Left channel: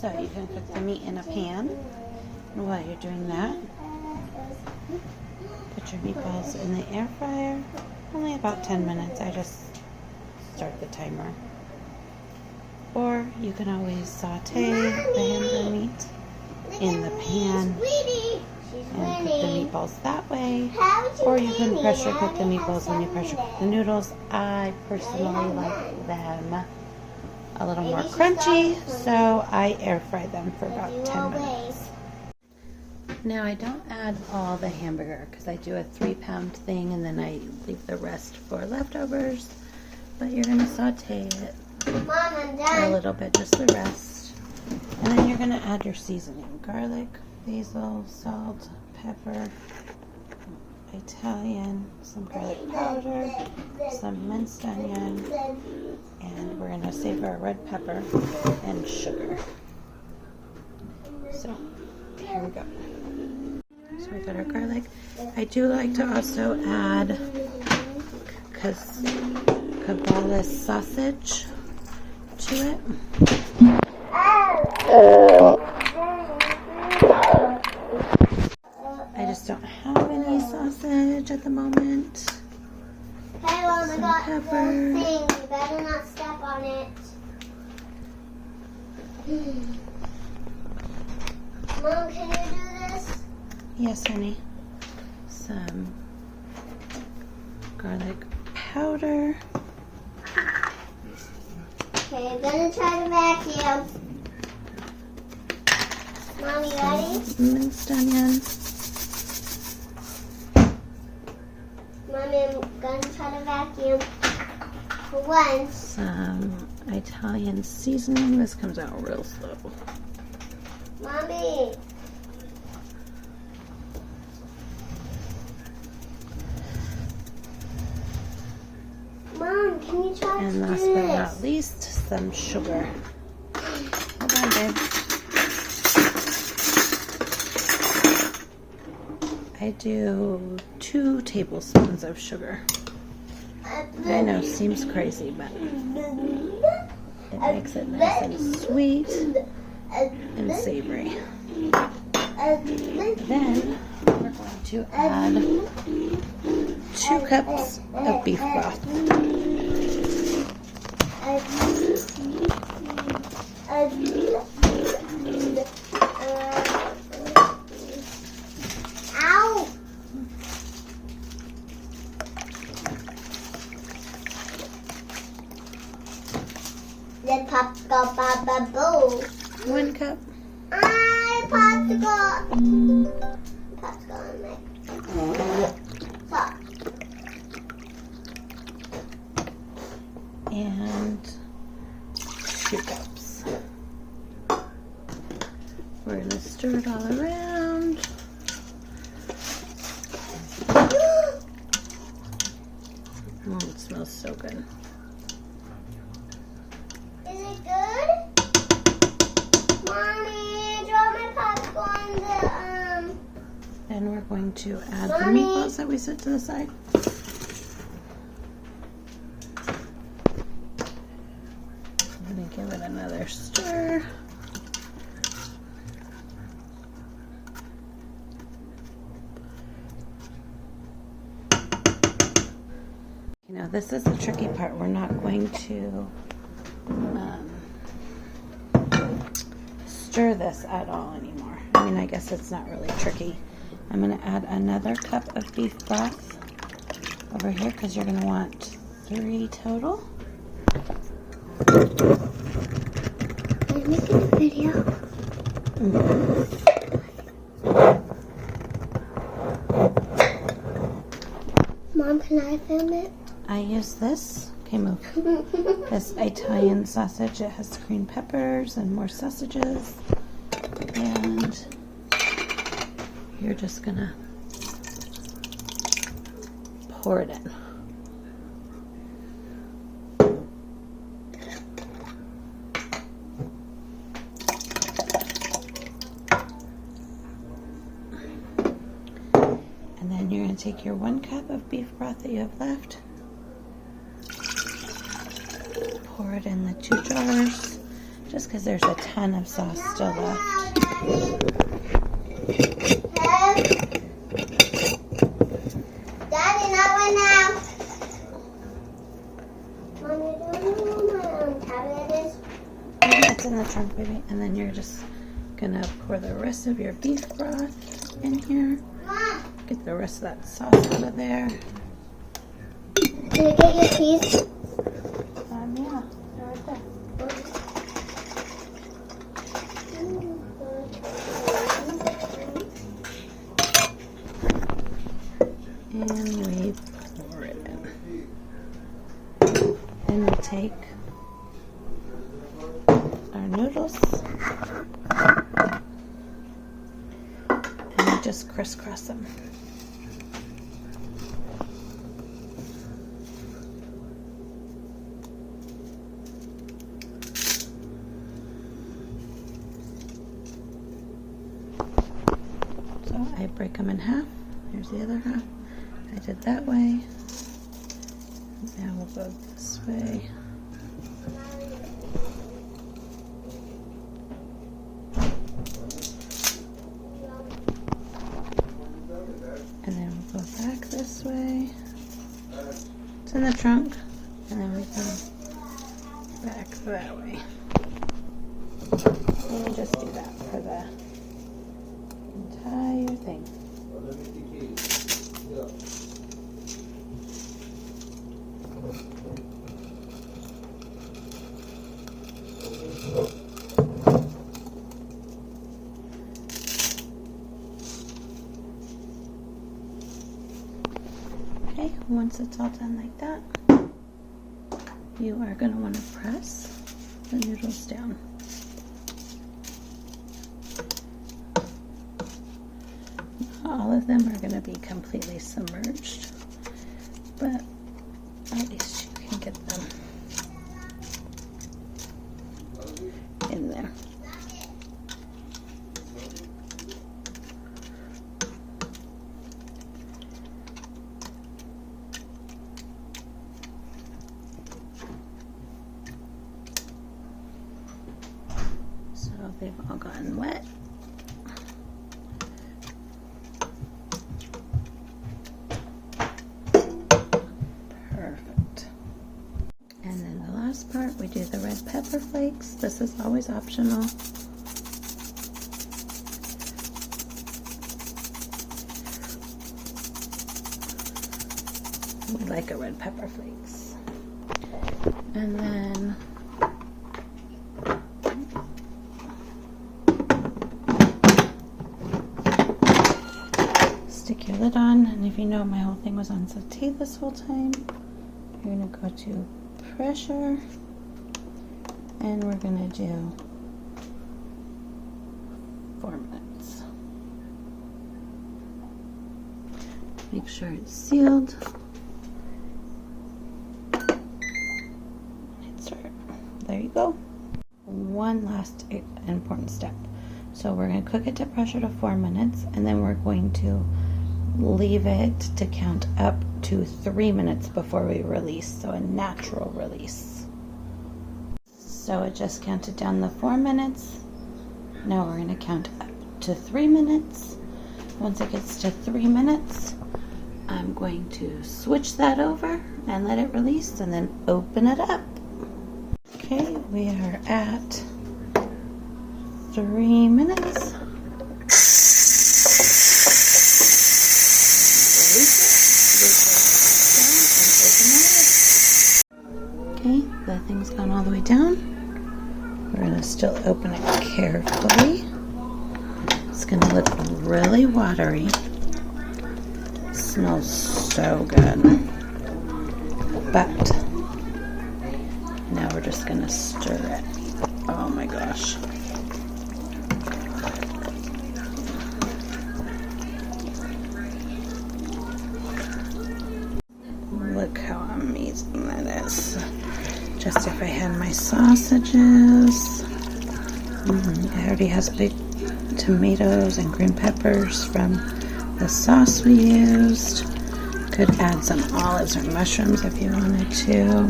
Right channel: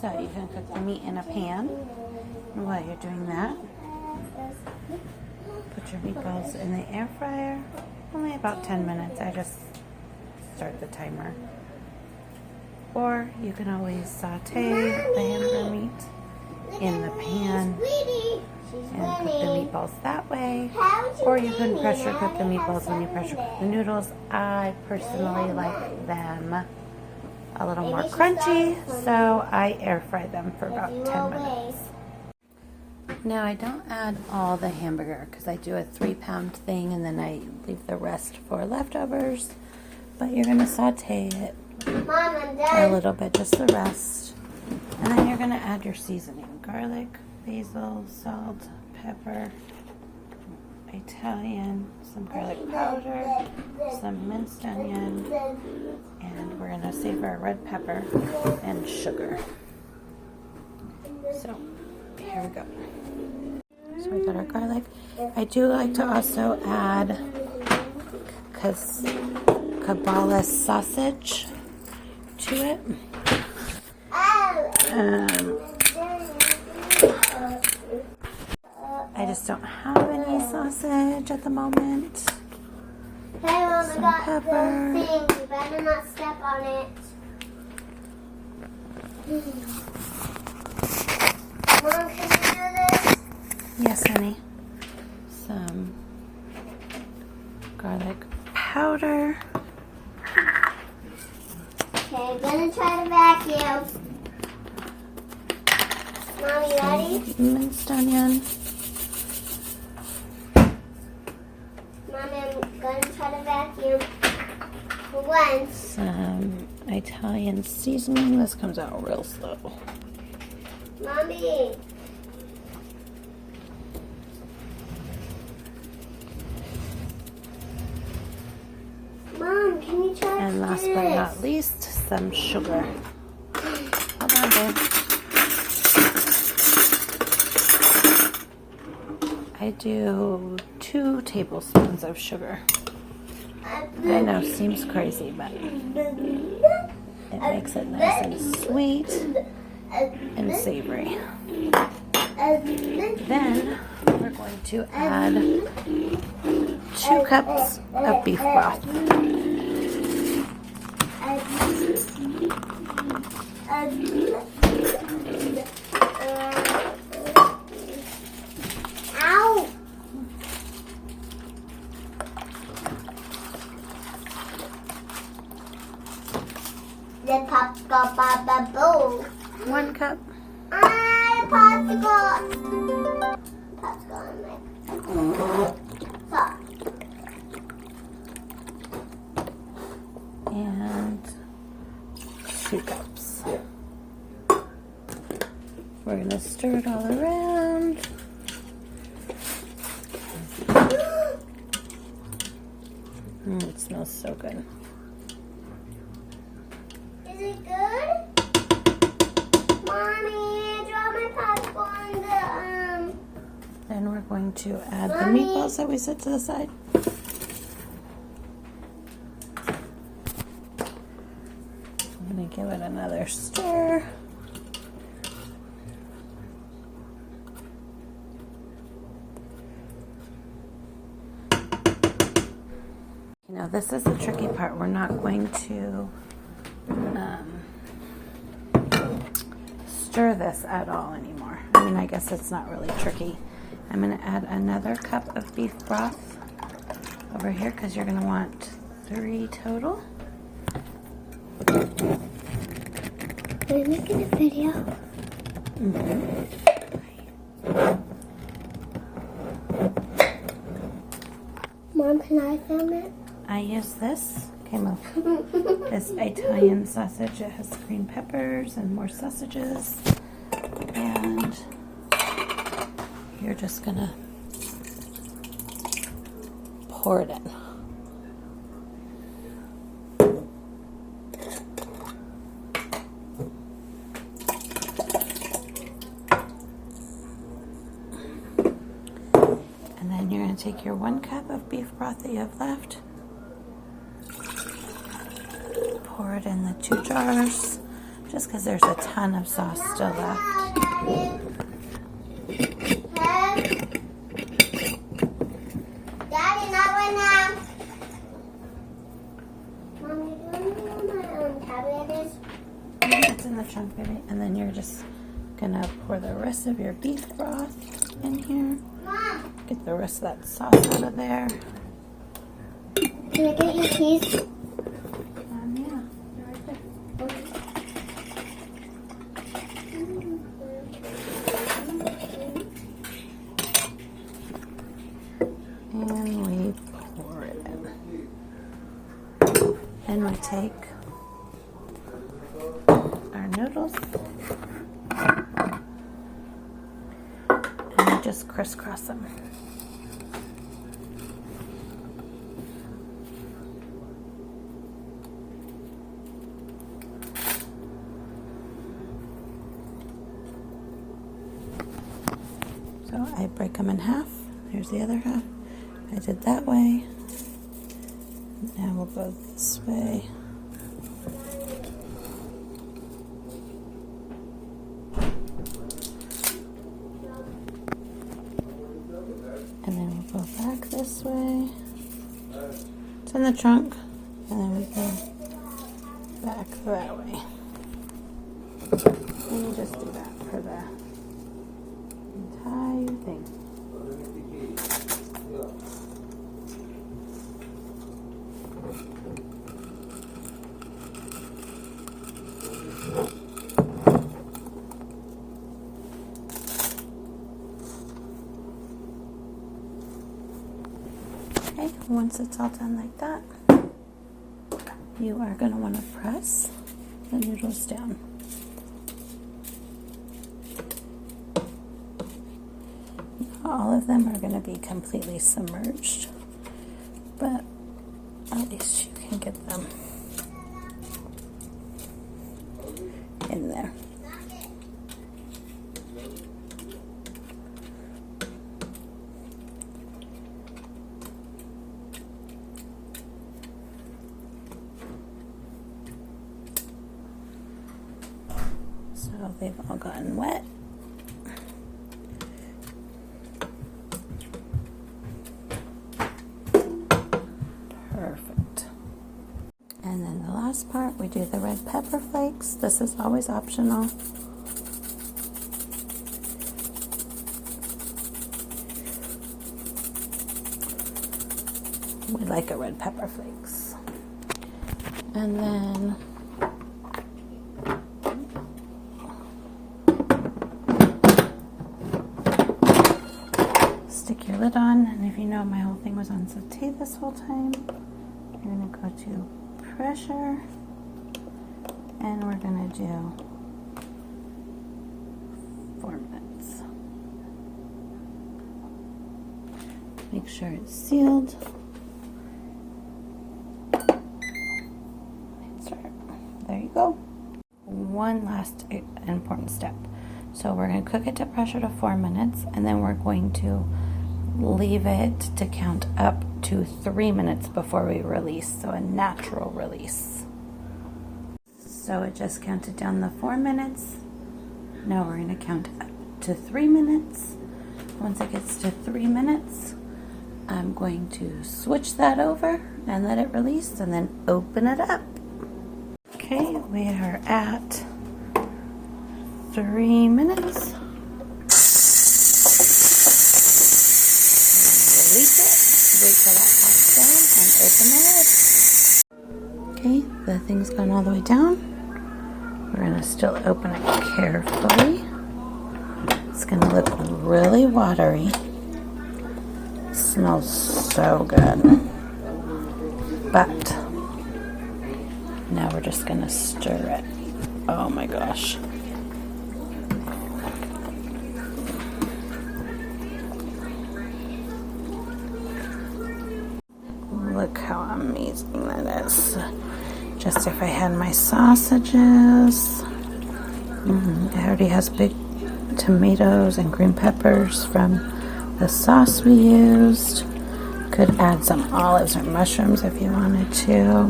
So you can cook the meat in a pan. And while you're doing that, put your meatballs in the air fryer. Only about 10 minutes. I just start the timer. Or you can always saute the hamburger meat in the pan and cook the meatballs that way. Or you can pressure cook the meatballs when you pressure cook the noodles. I personally like them a little more crunchy, so I air fry them for about 10 minutes. Now I don't add all the hamburger because I do a 3-pound thing and then I leave the rest for leftovers. But you're going to saute it a little bit, just the rest. And then you're going to add your seasoning: garlic, basil, salt, pepper, Italian, some garlic powder, some minced onion, and we're going to save our red pepper and sugar. So here we go. So we got our garlic. I do like to also add kielbasa sausage to it. I just don't have any sausage at the moment. Hey, Mom, Some I got pepper. the thing. You better not step on it. Mom, can you do this? Yes, honey. Some garlic powder. Okay, I'm gonna try to vacuum. Mommy, ready? Minced onion. Mommy, I'm gonna try to vacuum for once. Some Italian seasoning. This comes out real slow. Mommy. Mom, can you try And to last do but this? not least, some sugar. Hold on, babe. I do 2 tablespoons of sugar. I know, seems crazy, but it makes it nice and sweet and savory. Then we're going to add 2 cups of beef broth. Ow! The popsicle. 1 cup. Popsicle. Popsicle on my top. And 2 cups. We're going to stir it all around. It smells so good. Is it good? Mommy, I dropped my popsicle on the, Then we're going to add the Mommy. meatballs that we set to the side. I'm going to give it another stir. You know, this is the tricky part. We're not going to stir this at all anymore. I mean, I guess it's not really tricky. I'm going to add another cup of beef broth over here because you're going to want 3 total. Are you making a video? Mom, can I film it? I use this. This Italian sausage. It has green peppers and more sausages. And you're just going to pour it in. And then you're going to take your 1 cup of beef broth that you have left, pour it in the 2 jars. just because there's a ton of sauce still left. Daddy, not right now. Mommy, do you know where my tablet is? It's in the trunk, baby. And then you're just gonna pour the rest of your beef broth in here. Mom. Get the rest of that sauce out of there. Can you get your keys? Yeah, they're right there. And we pour it in. And we take our noodles and we just crisscross them. So I break them in half. Here's the other half. I did that way. Now we'll go this way. And then we'll go back this way. It's in the trunk. And then we go back that way. And you just do that for the entire thing. Okay, once it's all done like that, you are going to want to press the noodles down. All of them are going to be completely submerged, but at least you can get them in there. So they've all gotten wet. Perfect. And then the last part, we do the red pepper flakes. This is always optional. We like a red pepper flakes. And then stick your lid on, and if you know my whole thing was on saute this whole time, you're going to go to pressure, and we're going to do 4 minutes. Make sure it's sealed. Start. There you go. One last important step. So we're going to cook it to pressure to 4 minutes, and then we're going to leave it to count up to 3 minutes before we release, so a natural release. So it just counted down the 4 minutes. Now we're going to count up to 3 minutes. Once it gets to 3 minutes, I'm going to switch that over and let it release, and then open it up. Okay, we are at 3 minutes. Release it, wait till it pops down, and open the lid. Okay, the thing's gone all the way down. We're going to still open it carefully. It's going to look really watery. It smells so good. But now we're just going to stir it. Oh my gosh. Look how amazing that is. Just if I had my sausages. It already has big tomatoes and green peppers from the sauce we used. Could add some olives or mushrooms if you wanted to.